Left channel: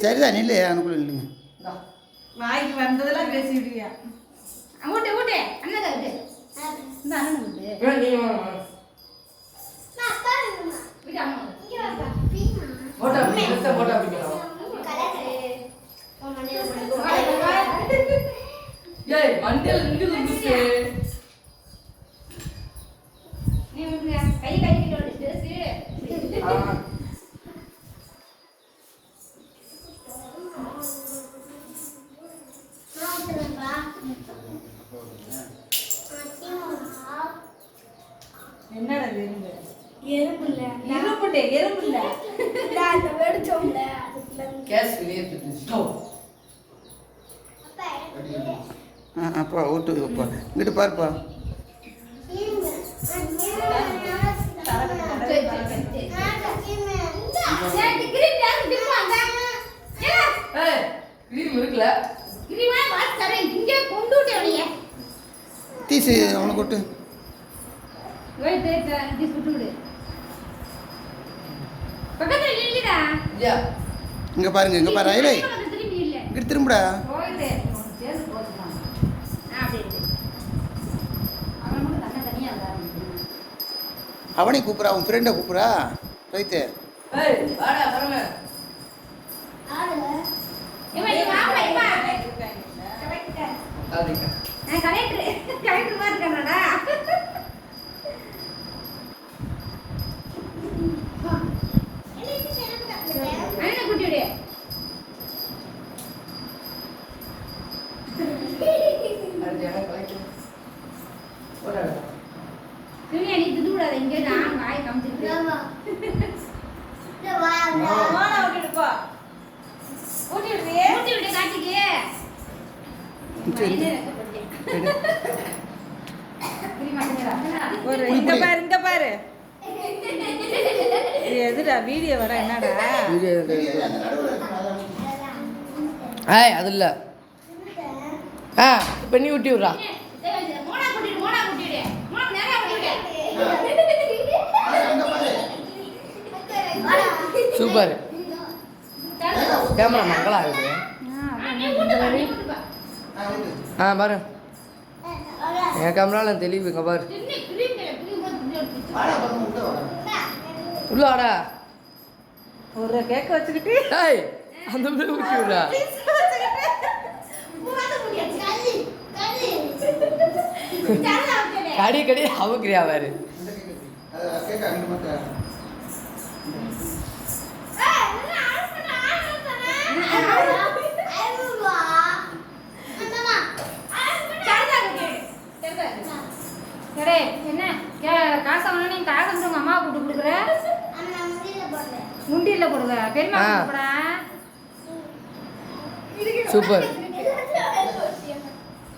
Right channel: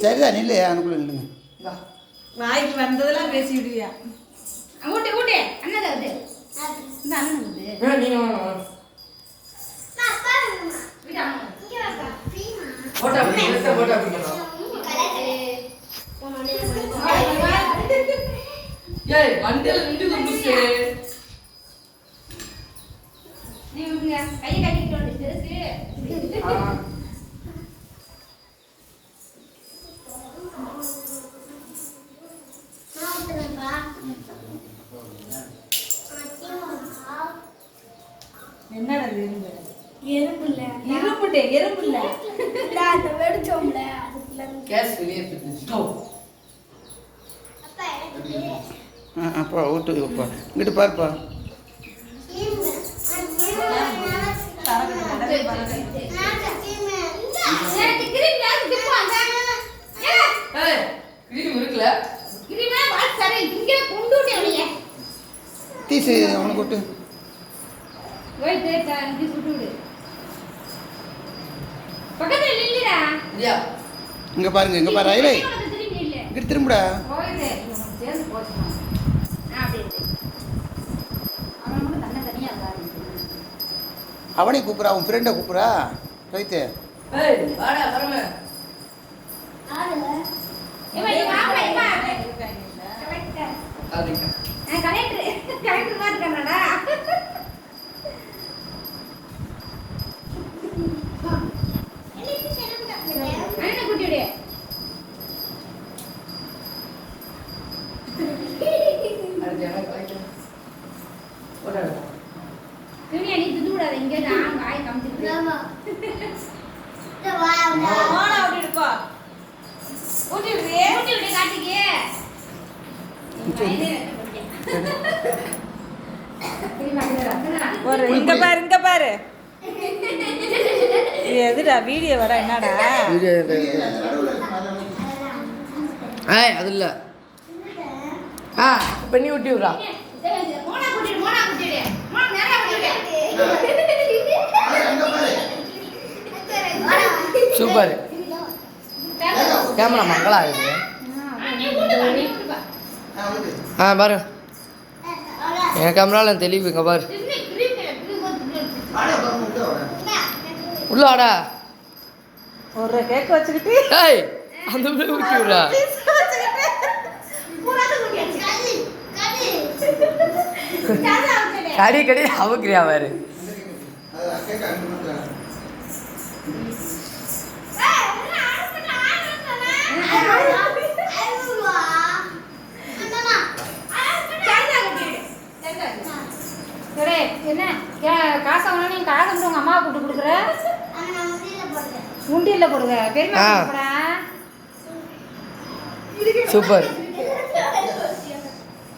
சரிதான் இல்லை அனுக்குள்ள இல்லைங்க வாய்க்கு வந்ததெல்லாம் பேசி விடுவியா ஊட்டே ஊட்டே அண்ணன் அது இந்த அண்ணன் கையை கட்டிட்டு என்னடா எறும்பு எறும்பு இல்ல இரும்புட்டே எறும்பு இல்ல அந்த வெடிச்சோம்ல அதுக்குள்ள கேஸ் வெளியே அப்பா ஊட்டு அப்பா இங்கிட்டு பாருப்பா தீசு அவனுக்கு விட்டு இங்க பாருங்க இங்க பாரு ஐலை இங்கிட்டு திரும்புடா அவனை கூப்பிட்றா அவன் ஃப்ரெண்டை கூப்பிட்றா ரைட்டு இங்க பாரு இங்க பாரு இது எதுடா வீடியோ வர என்னடா அது இல்லை பண்ணி ஊட்டி விட்றா சூப்பர் கேமரா மங்களா ஆகுது பாரு என் கேமராவில் தெளிவு இங்கே பாரு உள்ள வாடா ஒரு கேக் வச்சுக்கிட்டு ஏய் அந்த மாதிரி ஊட்டி விட்றா கடி கடி அவுக்கிறியா பாரு என்ன காசை வாங்க நீ காசை மட்டும் உங்க அம்மாவை கூப்பிட்டு கொடுக்குற உண்டியில் போடுங்க பெருமா சூப்பர்